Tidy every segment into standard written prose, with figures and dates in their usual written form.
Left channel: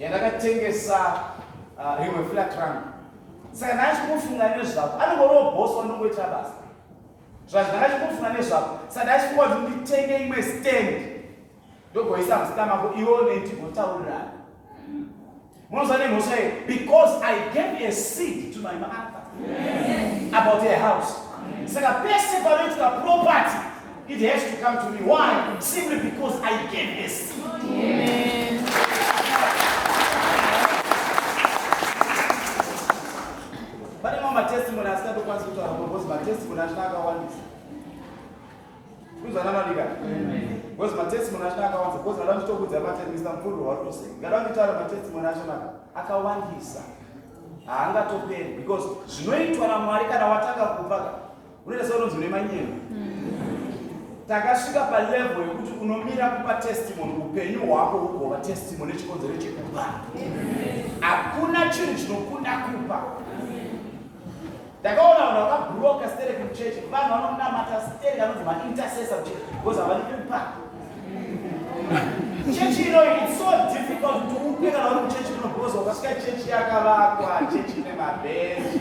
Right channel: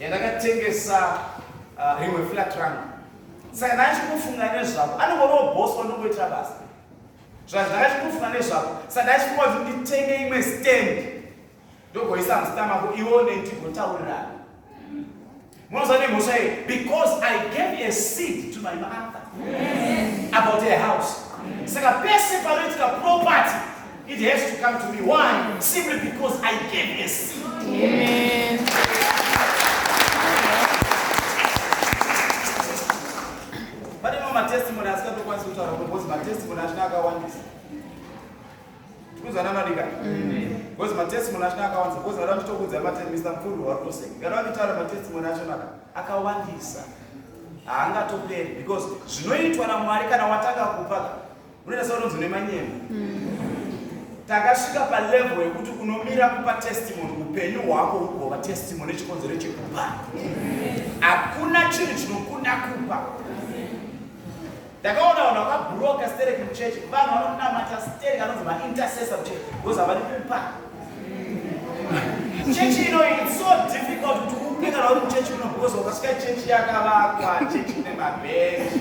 yandakatengesa rimwe flat rangu. Saka ndachikufunga nezvako, anongoriwo boss wanongoita basa. Zvandakachikufunga nezvako, saka ndachifunga kuti nditenge imwe stand. Ndogoisa mustamako ione ndigotaurira. Munozwa nemhosva here, because I gave a seed to my mother about a house. Saka pese panoitika property, it has to come to me. Why? Simply because I gave a seed. Amen. But you know my testimony has got to go because my testimony has not got one this. Because I don't because my testimony has not got one because I don't talk with the matter Mr. Mfulu or to say. I don't tell my testimony has not got one this. Anga to play because zvinoitwa naMwari kana wataka kupaka. Unoita sauronzo nemanyeni. Takasvika pa level yekuti unomira kupa testimony upenyu hwako hugova testimony chikonzero chekupa. Hakuna chinhu chinokunda kupa. Takaona vanhu vakabhuroka stereki muchechi, vanhu vanonamata stereki anonzi ma-intercessor muchechi, because havadi kupa. Chechi ino it's so difficult kuti upe kana uri muchechi kuno because wakasvika chechi yakavakwa, chechi ine mabhenji,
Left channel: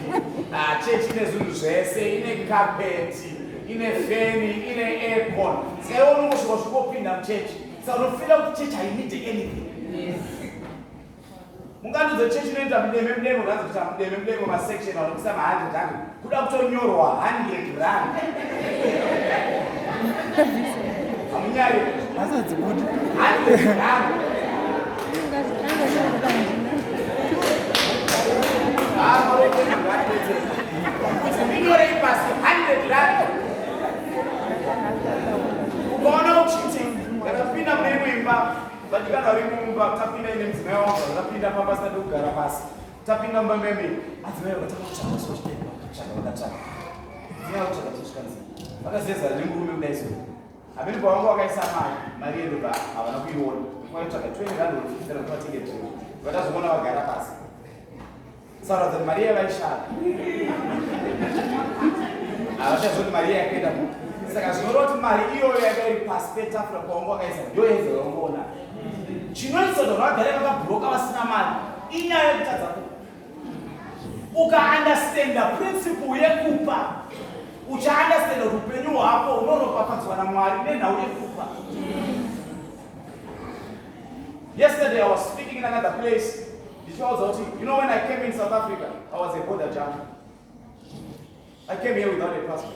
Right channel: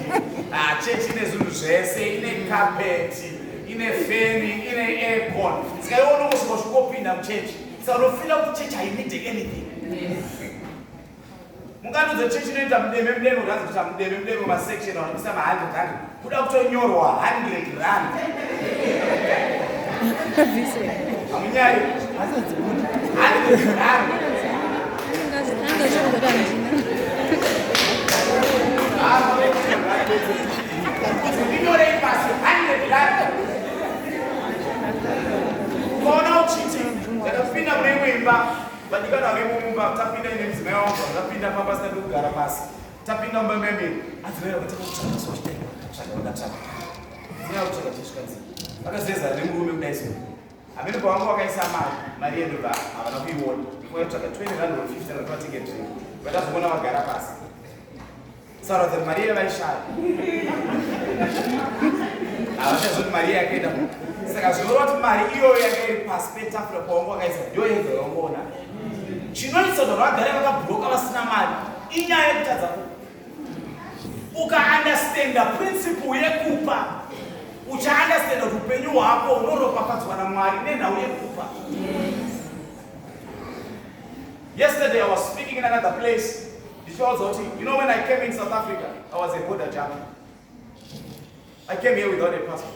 chechi ine zvinhu zvese, ine kapeti, ine feni, ine aircon. Saka iwe unongosvika uchingopinda muchechi. Saka unofila kuti chechi hainidi anything. Munganudza chechi inoita mudeme mudeme ukanzi kuti mudeme mudeme masection anobvisa ma100 rand kuda kutonyorwa 100 rand. Hamunyari 100 rand. Inyore ipasi 100 rand. Ukaona uchiti yakapinda mune imba vadikana vari mumba tapinda ine mudzimai wangu vakapinda pabasa ndokugara pasi tapinda mumba memeni adzimai vakataka kutsvaka sochitevakatsvaka dzimai kutsvaka tesvikanzi vakazeza nemurume kudai so hamene pavangu vakaisa mari yedu havana kuiona vatsvaka 20 rand or 50 rand vatenge drink vatazogona vagara pasi sauradza kuti mari yavaishaya havachazoti mari yakaenda saka zvinoreva kuti mari iyoyo yanga iri pasi petafura pawangu vakaisa ndo yega yaungoona chinoita kuti vagare vakabhuroka vasina mari inyaya yekutadza kupa. Ukaandastenda principle yekupa uchaandastenda kuti upenyu hwako unoropafadzwa naMwari nenhau yekupa. Yesterday I was speaking in another place. You know, when I came in South Africa, I was a border jumper. I came here without a passport.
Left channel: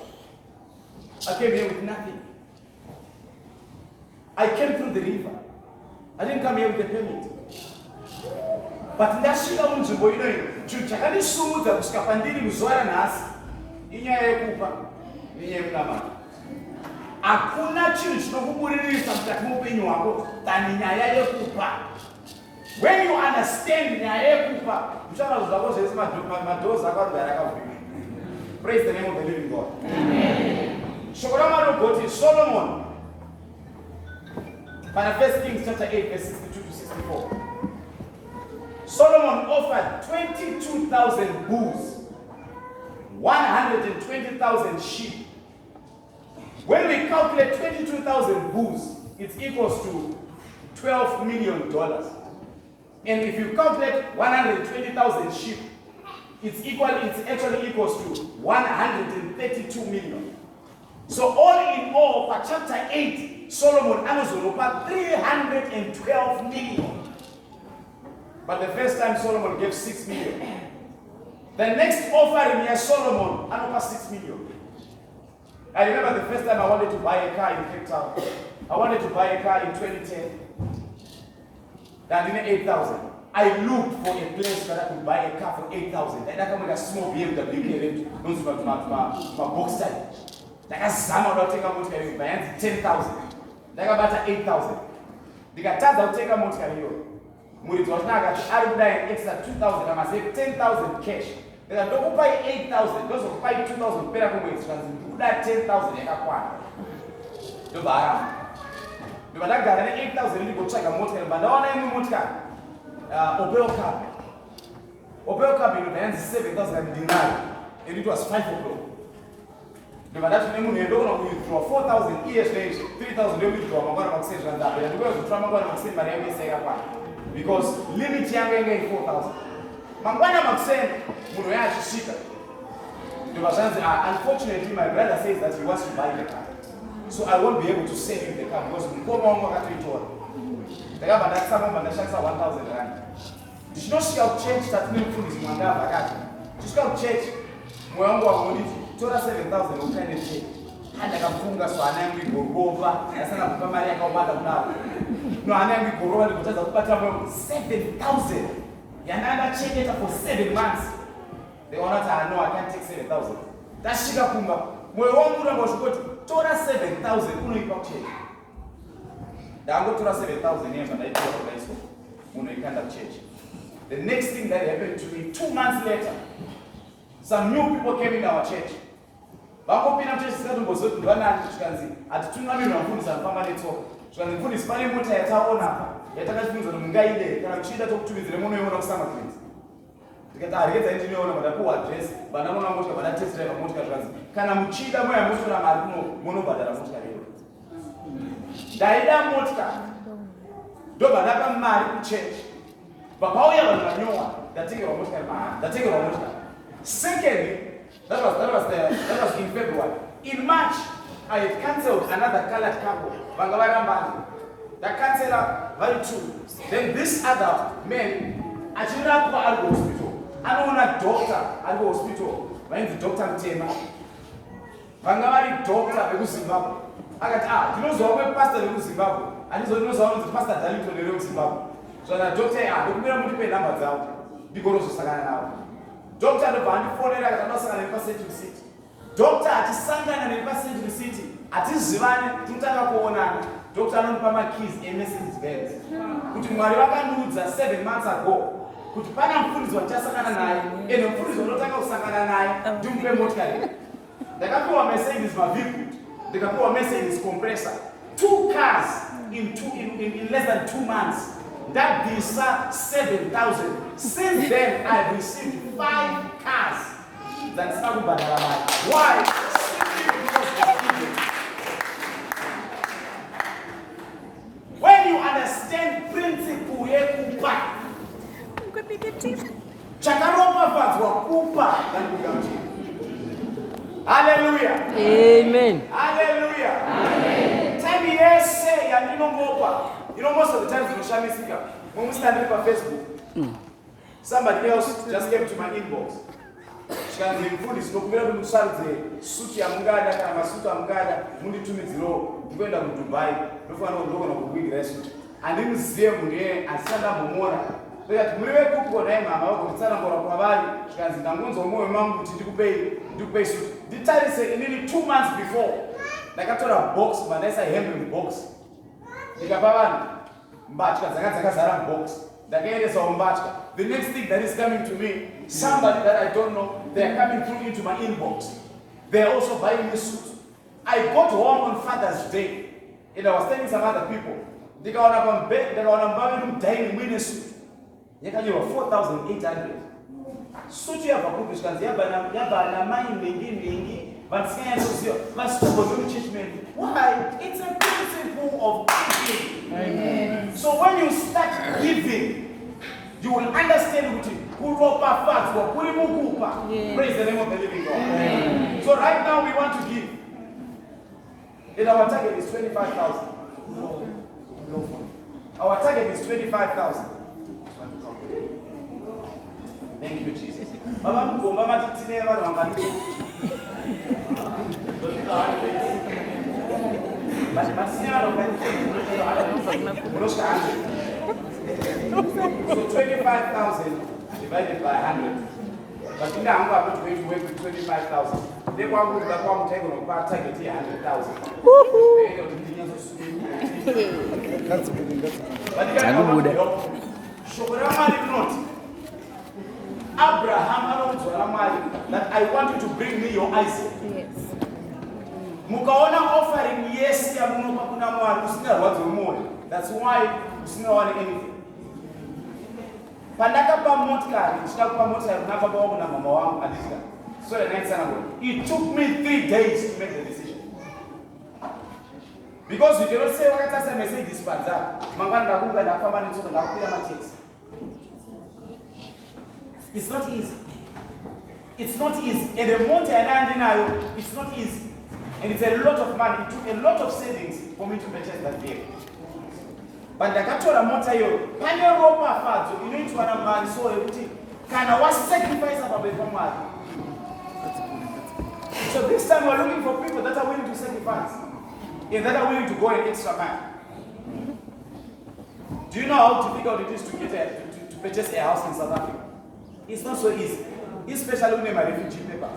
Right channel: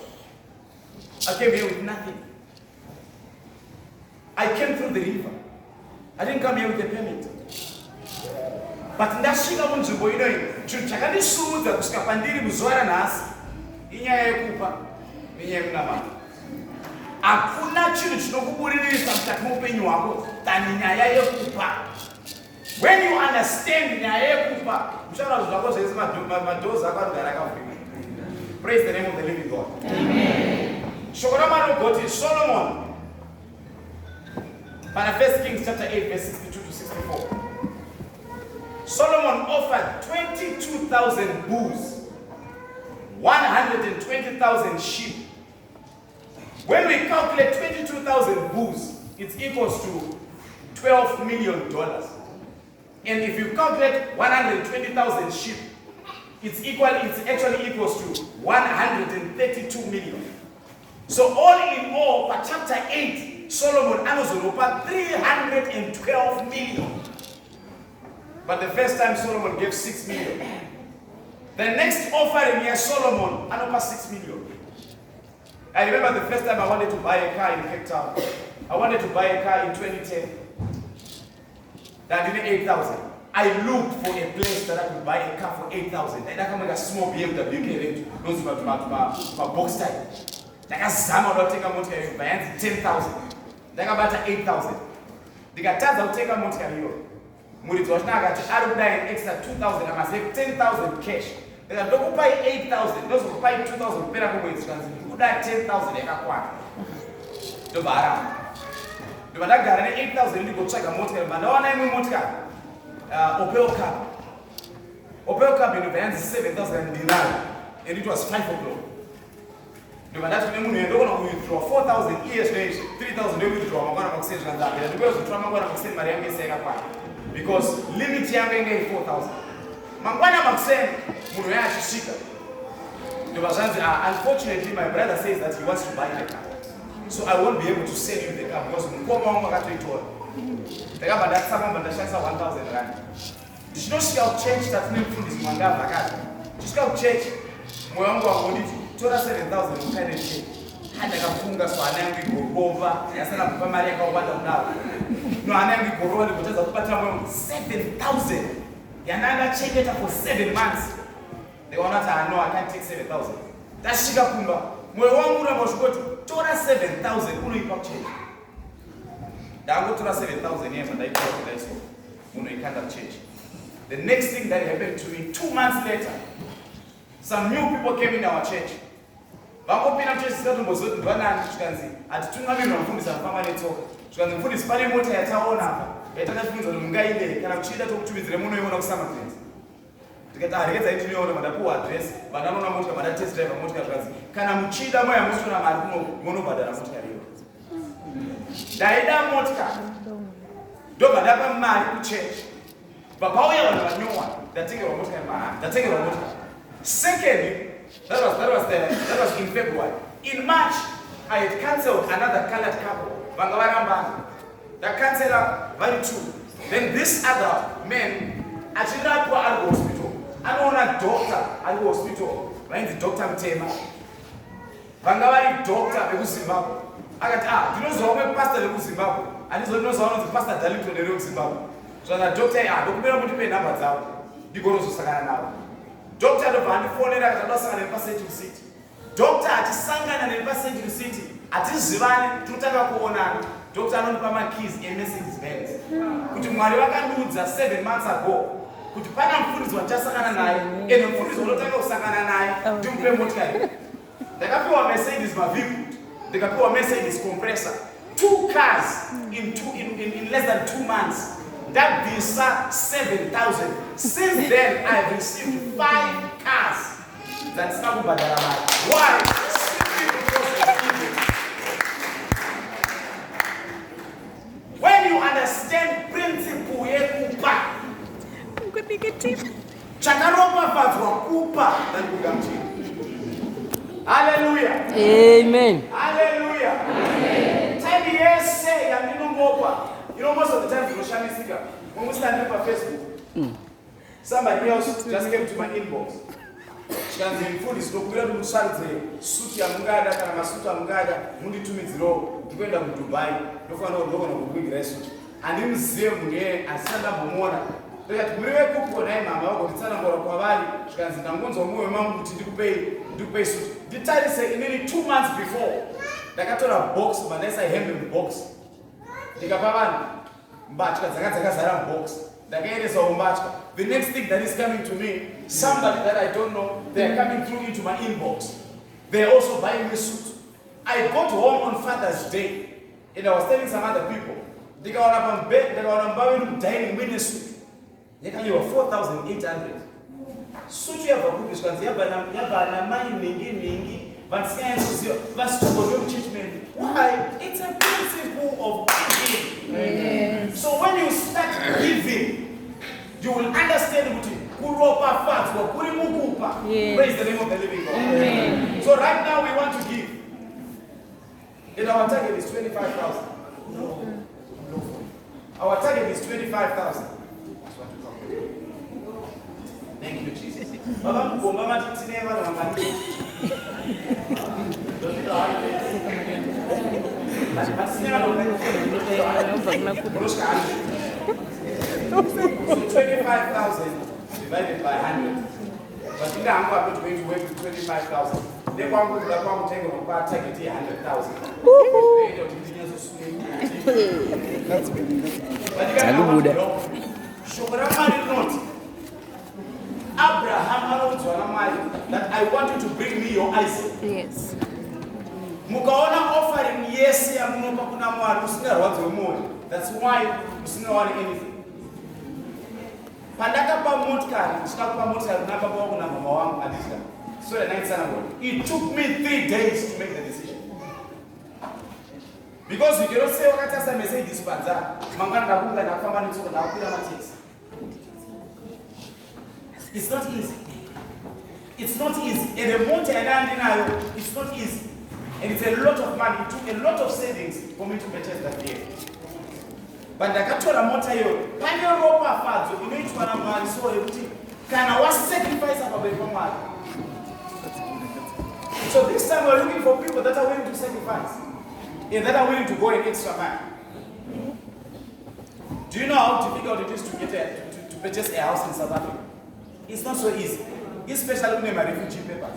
I came here with nothing. I came through the river. I didn't come here with a permit. But ndasvika munzvimbo inoyi chinhu chakandisudza kusvika pandiri muzuva ranhasi inyaya yekupa nenyaya yekunamata. Hakuna chinhu chinokuburirisa mukati muupenyu hwako than nyaya yekupa. When you understand nyaya yekupa, uchaona zvinhu zvako zvese madoors ako anogara akavhurika. Praise the name of the living God. Amen. Shoko raMwari rinoti Solomon pana 1 Kings chapter 8 verse 62 to 64. Solomon offered 22,000 bulls, 120,000 sheep. When we calculate 22,000 bulls, it equals to $12 million. And if you calculate 120,000 sheep, it actually equals to 132 million. So all in all, for chapter 8, Solomon anozoropa 312 million. But the first time Solomon gave 6 million. The next offering here, Solomon anopa 6 million. I remember the first time I wanted to buy a car in Cape Town. I wanted to buy a car in 2010. That didn't 8,000. I looked for a place that I could buy a car for 8,000. And I can make a small BMW K those my box type. Like a Zama will take a motor buy 10,000. Like about 8,000. The Gatas will take a motor. Murid was now got to add extra 2,000. I must save 10,000 cash. They don't buy 8,000. Those who buy 2,000 better who that 10,000 they got one. The Baram. The Badak 8,000 you go check a motor, but no name motor. Opel cab. Opel cab in the hands 7,000 dinar. And it was 5 o'clock. The Badak name you don't withdraw 4,000 years later, 3,000 they withdraw. I'm going to exchange that. Because the trauma going to exchange my young say. because limit yangu inge 4,000. Mangwana makuseni muno yachishika. Unfortunately, my brother says that he wants to buy the car. So I won't be able to sell you the car because mukoma wangu akatoitora. Ndakamba ndatsama ndashandisa 1,000 rand. Ndichinosvika kuchechi tatine mufundisi mwangabva akati. Ndichisvika kuchechi mwoyo wangu wangonditi tora 7,000 ukaende chechi. Handakafunga so hana yangu igorova yasana kupa mari yakawanda kudaro. No hana yangu igorova ndikutadza kubata mwoyo 7,000 yandanga chengeta for 7 months. They want to know I can't take 7,000. That's shika kumba. Mwoyo wangu unamba ushukoti tora 7,000 unoipa kuchechi. Dango tora 7,000 yemba ndaitora kudaiso unoikanda kuchechi. The next thing that happened to me 2 months later, some new people came in our church. Vakopina mchechi sikatumbozote ndwanani chikanzi atitungamirwa mfundisi anofamba netsoka. Chikanzi mfundisi pane mota yataona apa yatakachifunza kuti mungaide kana kuchida tokutumidzire munoiona kusama friends. Tikati harekeza intinoona madapuwa address vananoona motika vada test drive motika zvikanzi kana muchida moya musona mari munobhadhara motika riyo. Ndaida motika ndobhadhapa mari kuchechi. Papauya vanhu vanyowa ndatengerwa motika mahara ndatengerwa motika. Secondly, that was in February. In March, I had cancelled another colored couple. Vangavarambani. The canceller, very true. Then this other man, achirapwa at the hospital. Anoona doctor at the hospital. Right, the doctor Mtema. Vangavari doctor vekuZimbabwe. Akati ndinozoona pastor vekuZimbabwe. Andizoninozoona kuti pastor Dalito neveZimbabwe. So the doctor ndokumira kuti pe number dzavo. Ndigonozosangana navo. Doctor ndobva andifonera akatadosangana nepaCentral City. Doctor achisangana nepaCentral City atizivane tinotanga kuonana. Doctor anonipa makeys eMercedes Benz. Kuti Mwari vakandiudza 7 months ago kuti pana mufundisi wachasangana naye ene mufundisi unotanga kusangana naye ndimupe motikari. Ndakapiwa Mercedes Mavic, ndikapiwa Mercedes compressor. 2 cars in less than 2 months. That visa 7,000. Since then, I've received 5 cars. That's not Badalamai. Why? Simply because of giving. When you understand principle yekupa, chakaropa vadzwa kupa than kugamchini. Hallelujah. Amen. Hallelujah. Amen. 10 years say yandinomopa. You know, most of the time you shall me speaker. When we stand up on Facebook, somebody else just came to my inbox. She can say, "Food is not going to salute suit ya mungada, kana masuta mungada, mundi 2 minutes low, to go to Dubai, no for no logo of big resort." And in museum, and stand up more. That we were cook for them, or the son of Kavari, she can say, "I'm going to more amount to pay suit." The title say nearly 2 months before. Like I told a box, but that's a hemp box. The next thing that is coming to me, somebody that I don't know, they are coming through into my inbox. They are also buying me suit. I got home on Father's Day, and I was telling some other people, they got up on bed, they got on buying dining with a suit. They can give 4,800. Suit you have a book, you can say, "Yabana, my mingi. But why? It's a principle of giving. Amen. So when you start giving, you will understand what praise the name of the living God. Amen. So right now we want to give. And our target is 25,000. Our target is 25,000. Thank you, Jesus. So 25,000 divided by 100. But in the I'm going to work with 25,000. They want to take on a target 100,000. But you got Abraham that I want you to bring me your Isaac. Yes. Mukaona offering yes ya munopa kuna mwari usina rwadzi rwemoyo. That's why usina want anything. Pandaka pa motikari, chitakupa motikari kuna baba wangu na mama wangu adishika. So the night sana. It took me 3 days to make the decision. Because you cannot say what I message this panza. It's not easy. It's not easy. And the monte it's not easy. And it's a lot of money. It took a lot of savings for me to purchase that vehicle. But the capital motor yo, panel ropa fazo, you need to man so everything. Can I was sacrifice about the. So this time we're looking for people that are willing to sacrifice and that are willing to go an extra mile. Do you know how difficult it is to get to purchase a house in South Africa? It's not so easy, especially when my refugee papers.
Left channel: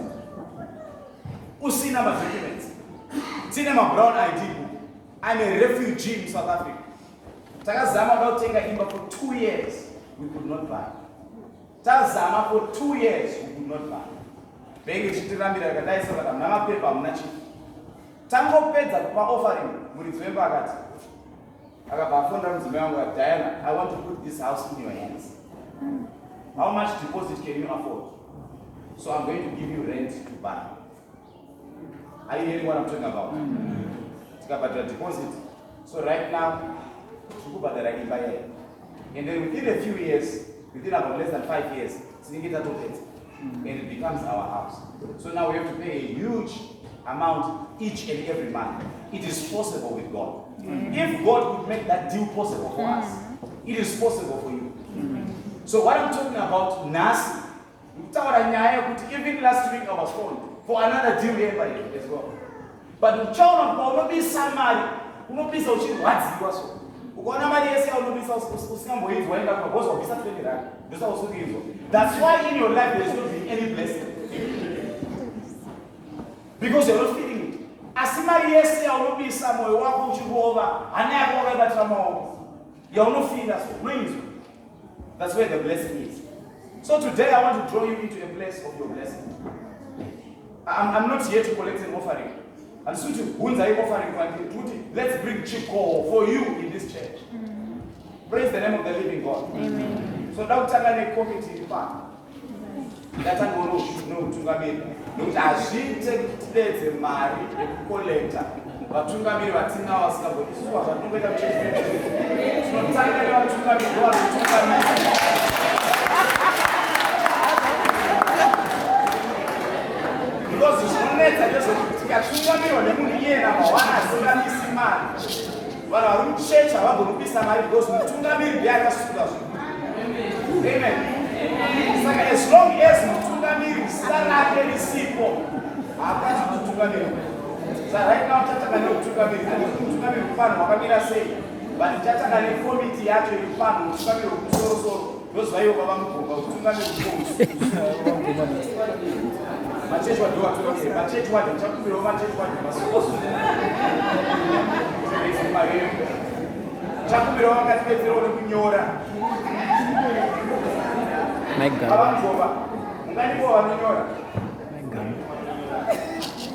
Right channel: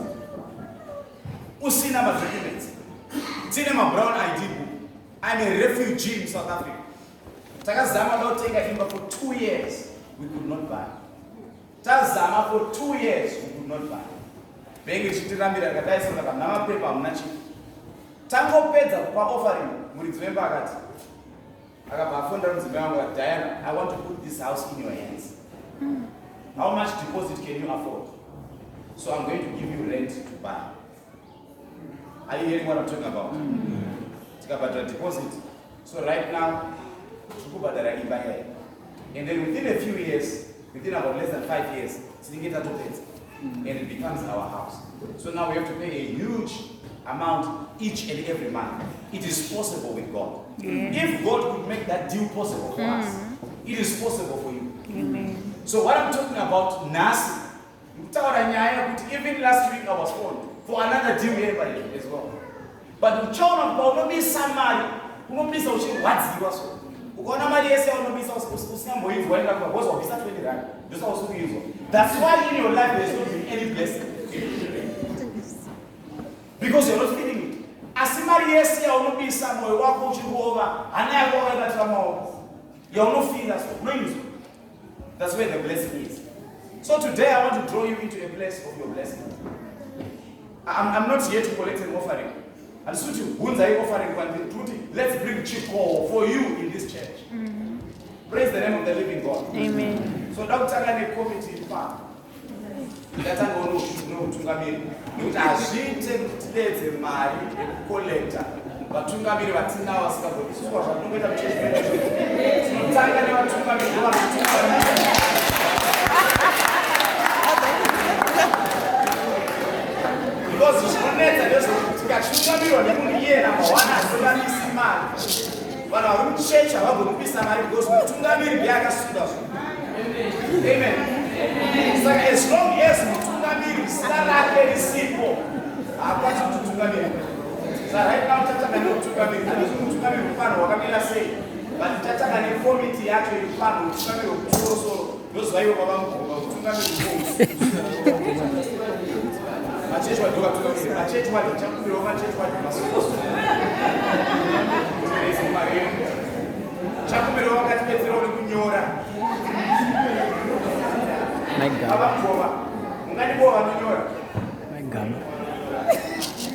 Usina my documents. Tinema brown ID book. I'm a refugee in South Africa. Takazama don't take a imba for 2 years. We could not buy. Takazama for 2 years. We could not buy. Bengi chitirambira kadaisa kana namapepa munachi. Tangopedza pa offering murizvemba akati. Akabafunda mudzimai wangu Diana, I want to put this house in your hands. How much deposit can you afford? So I'm going to give you rent to buy. Are you hearing what I'm talking about? Tikabhadhara deposit. So right now, tikubhadhara imba yayo. And then within a few years, within about less than 5 years, tinenge tatopedza. And it becomes our house. So now we have to pay a huge amount each and every month. It is possible with God. If God could make that deal possible for us, it is possible for you. So what I'm talking about, Nasi, even last week I was phoned for another deal here by you as well. But the child of God, not be somebody, not be so shit, what's the also? That's why in your life there's not be any blessing. Because you're not feeling it. Asimari yes, you're not be somewhere, walk over, and I go over that home. You're not feeling that. That's where the blessing is. So today I want to draw you into a place of your blessing. I'm not here to collect an offering. And so let's bring Chiko for you in this church. Praise the name of the living God. Amen. So now take a committee fund. That's a no tungamiri. Look as she takes a marry a collector. But tungamiri batina was covered. This is what I don't get a church. So take a tungamiri. Because it's connected, there's a tungamiri or the moon year number one as well as man. But I will change our group is somebody goes with tungamiri biaga sudas. Amen. So as long as tungamiri start like simple, I want you to tungamiri. So right now tata kani tungamiri. I don't tungamiri mfano wakamira say, but tata kani committee yake mfano tungamiri ukisoro those why baba mkuu tungamiri Machecho wa doa tungamiri. Machecho wa chakubiro machecho wa masoso. Chakubiro wakati bezero kunyora. Abamgoba ngani bo wanyora.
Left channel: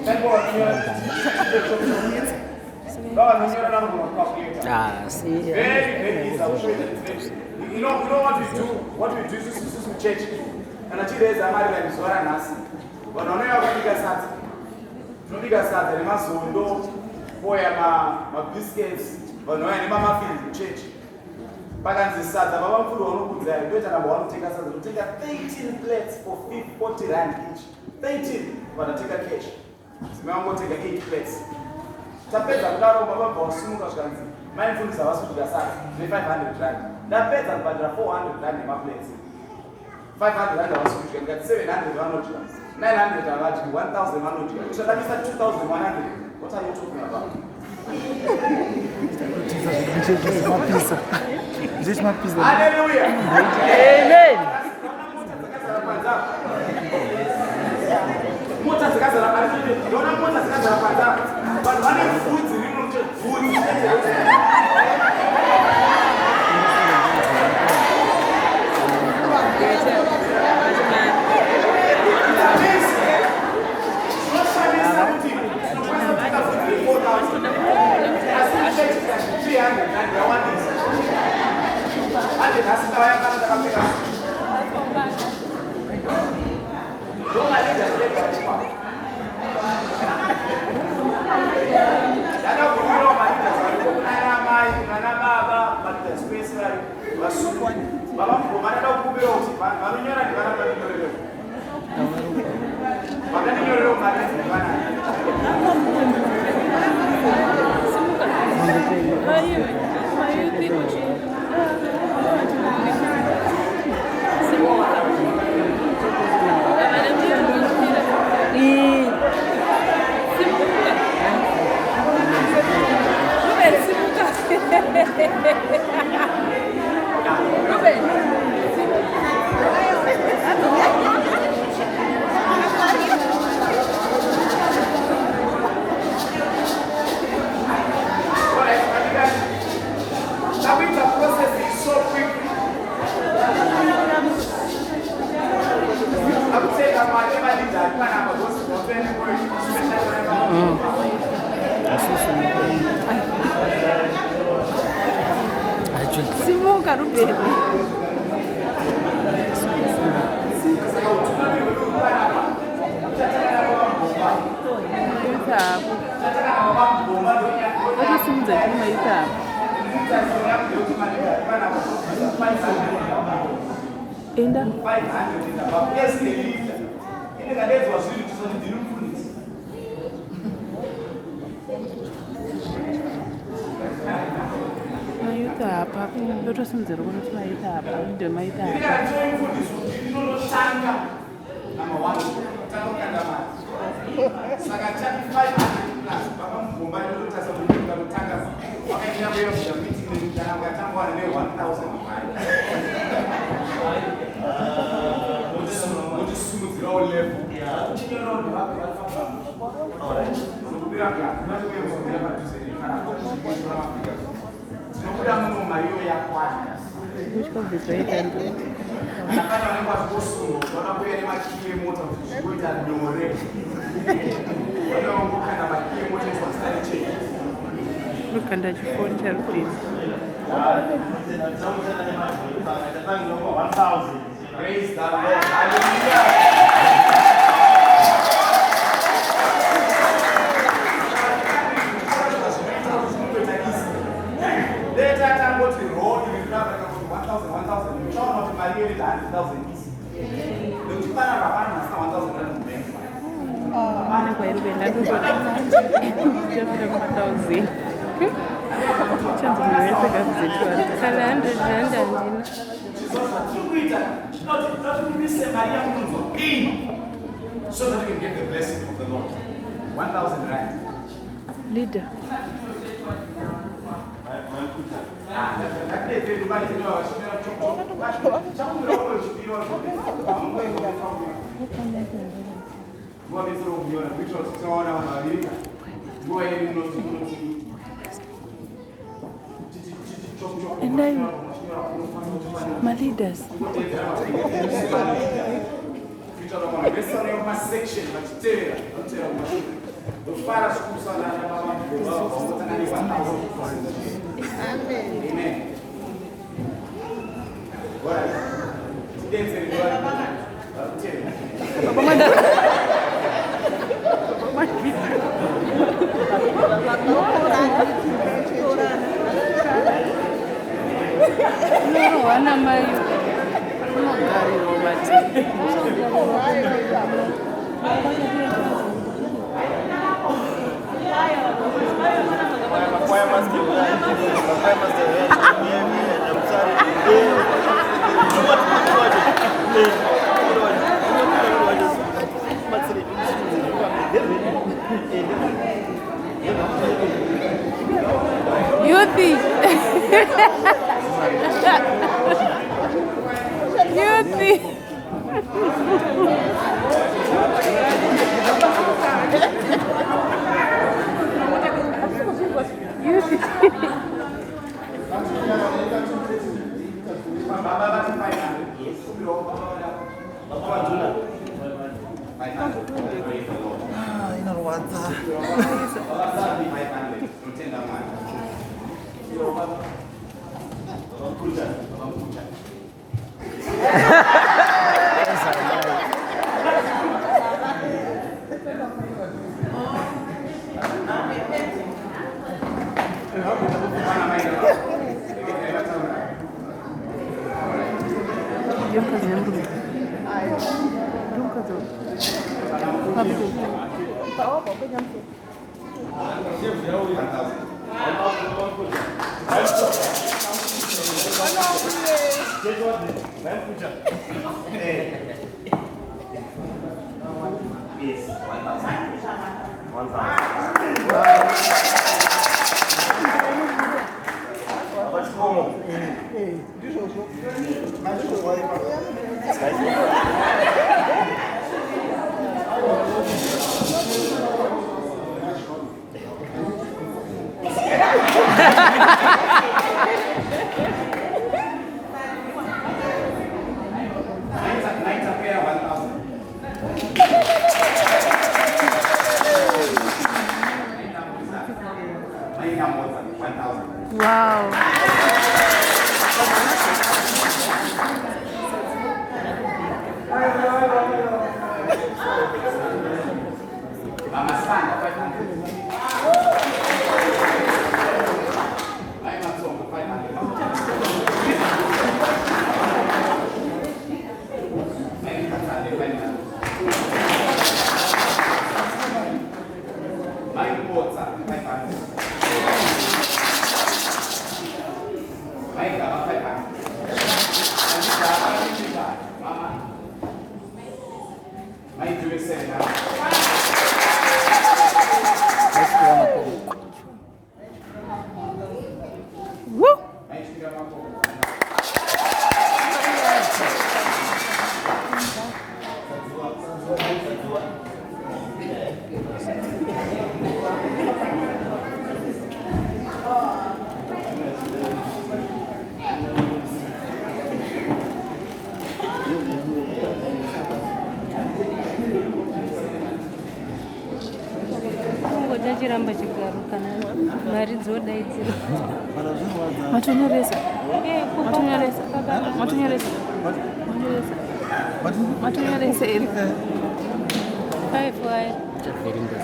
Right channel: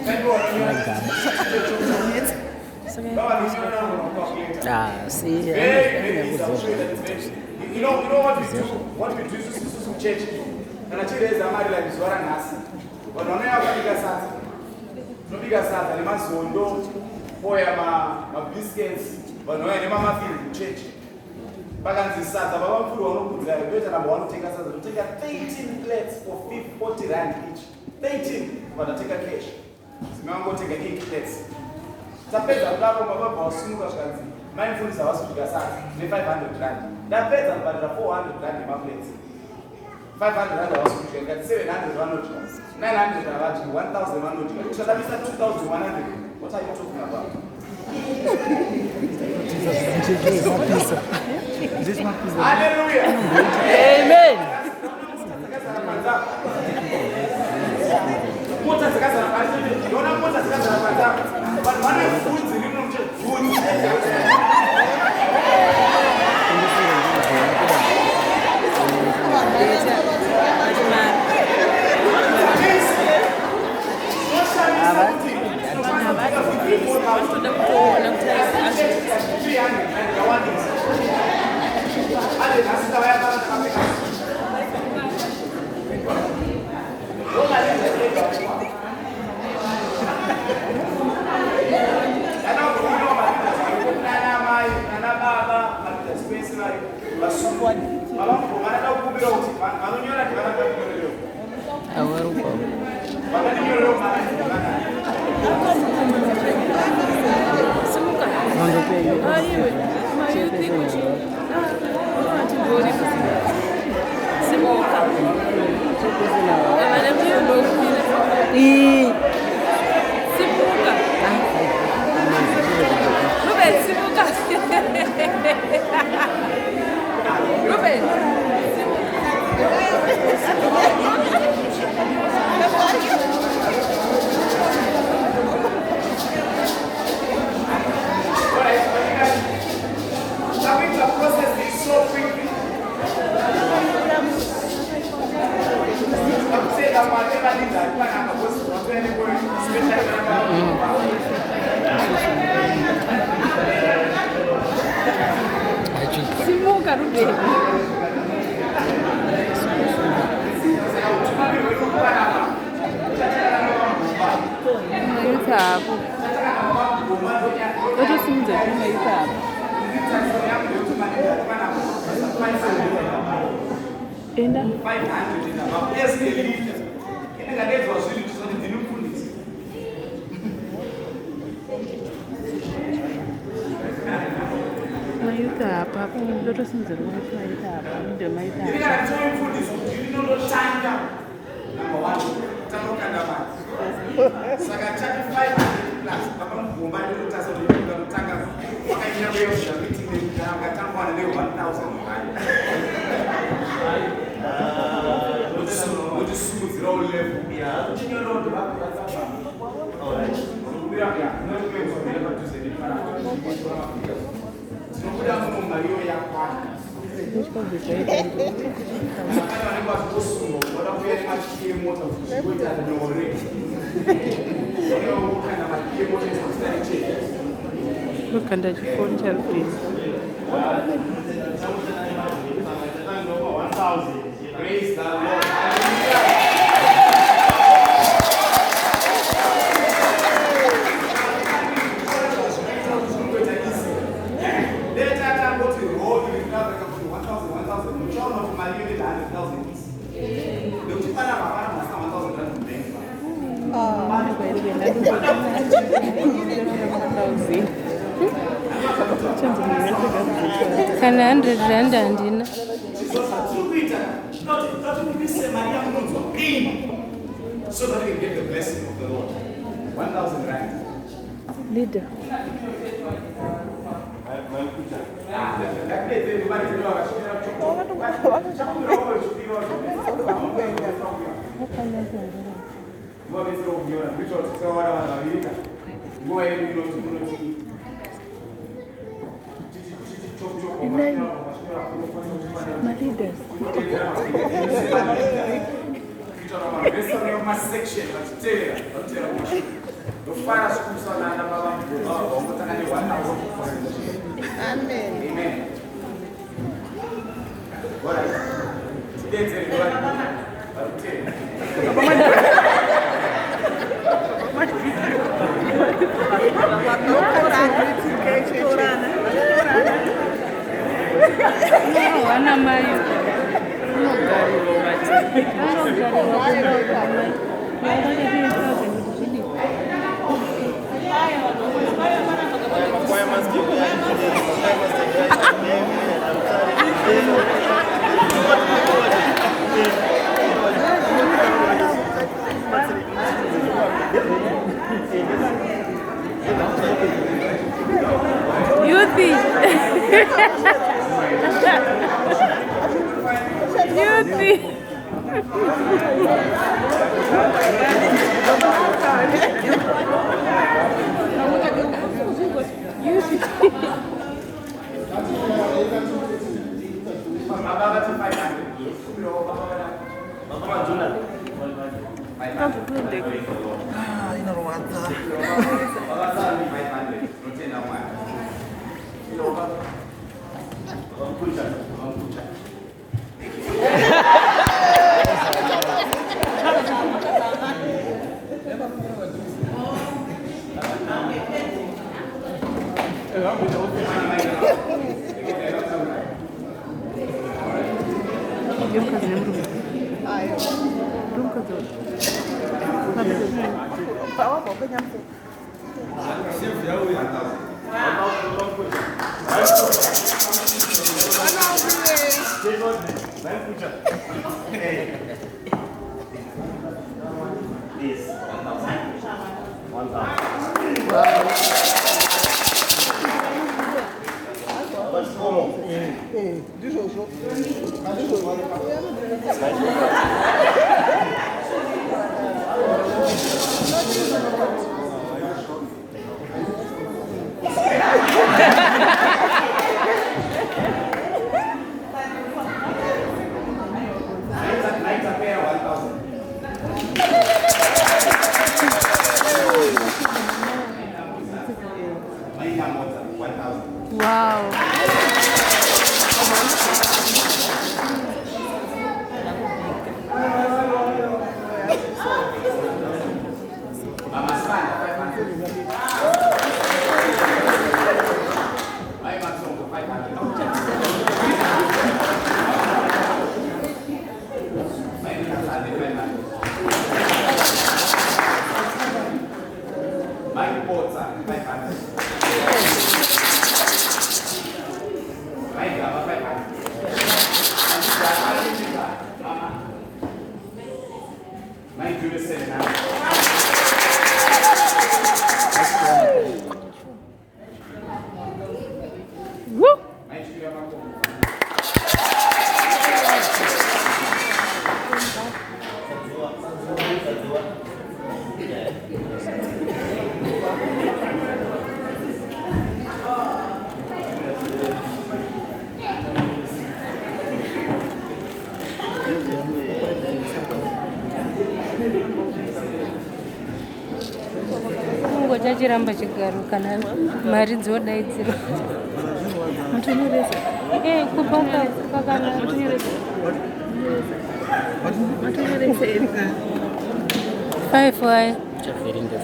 Ngani bo wanyora. Baba wanyora na ngoba kwa See. very you know what we do? What we do is to church. And actually there's a marriage like Zora Nasi. But on our bigger sat. No bigger sat, the masondo, poya ma biscuits, but no any mama feel church. Balanzi sat, the Baba food or no good there. Don't have one take us to take a 13 plates for 40 rand each. 13, but I take a cash. Simambo take a 8 plates. Tapeta Bravo Baba boss, Sumuka. Mindful is our food gas, 500 rand. That better, but 400 rand in my plates. 500 rand was we can get 700 rand, 900 rand, 1,000 rand. Which is 2,100. What are you talking about? Hallelujah. Amen. Simuka Ruben. Itabu. Itu simuze cuma itabu. Enda 500 above. Yes, the leader. In the days was really just on the new police. Mayuta hapa. Ndoto simuze rokona tunaita hapa. Ndio mayuta hapa. You can join police. You know no tanga. Number 1. Tango kanda mali. Saka chati 500 plus. Baba mkumba ndio tasa ndio mtanga. Wakaenda mbele ya meeting ni kanga tango na leo 1000 mali. Muito smooth, all level. Yeah. Tinha no de baixo da sala. Alright. Não podia cá. Nós temos que levar tudo isso para cá. Não podemos no Mario e a quarta. Deixa eu ver isso aí dentro. Agora o negócio bolso, agora foi ele mais que moto, cuida do more. Olha o cara mais que moto bastante. Look at that phone cell please. 1000. Praise the Lord. Hallelujah. Mana kwa Ruben ndio ndio chanzo niweze kazi kana 100 rand andina so that we can get the blessing of the Lord. 1,000 rand. Leader. My leaders. Uma section, do para funcionar na palavra de Deus, vamos botar ali 1,000. Amém. Amém. Agora, se dentro ele vai. Ok. Não, Ana Maria. Não gari robati. Não gari robati. Makwaya masikio Yuthi. Yuthi. Yomkazi nemrume. Yomkazi. Pabido. Yes, 1,000. Wow. Mama Spanga, 500. I am Songa, 500. My reporter, 500. My grandma, 500. Mama. My jewelry, 700. Woo! Chiramba chigaruka mari dzodaidzira Matonyoresa. Matonyoresa. 5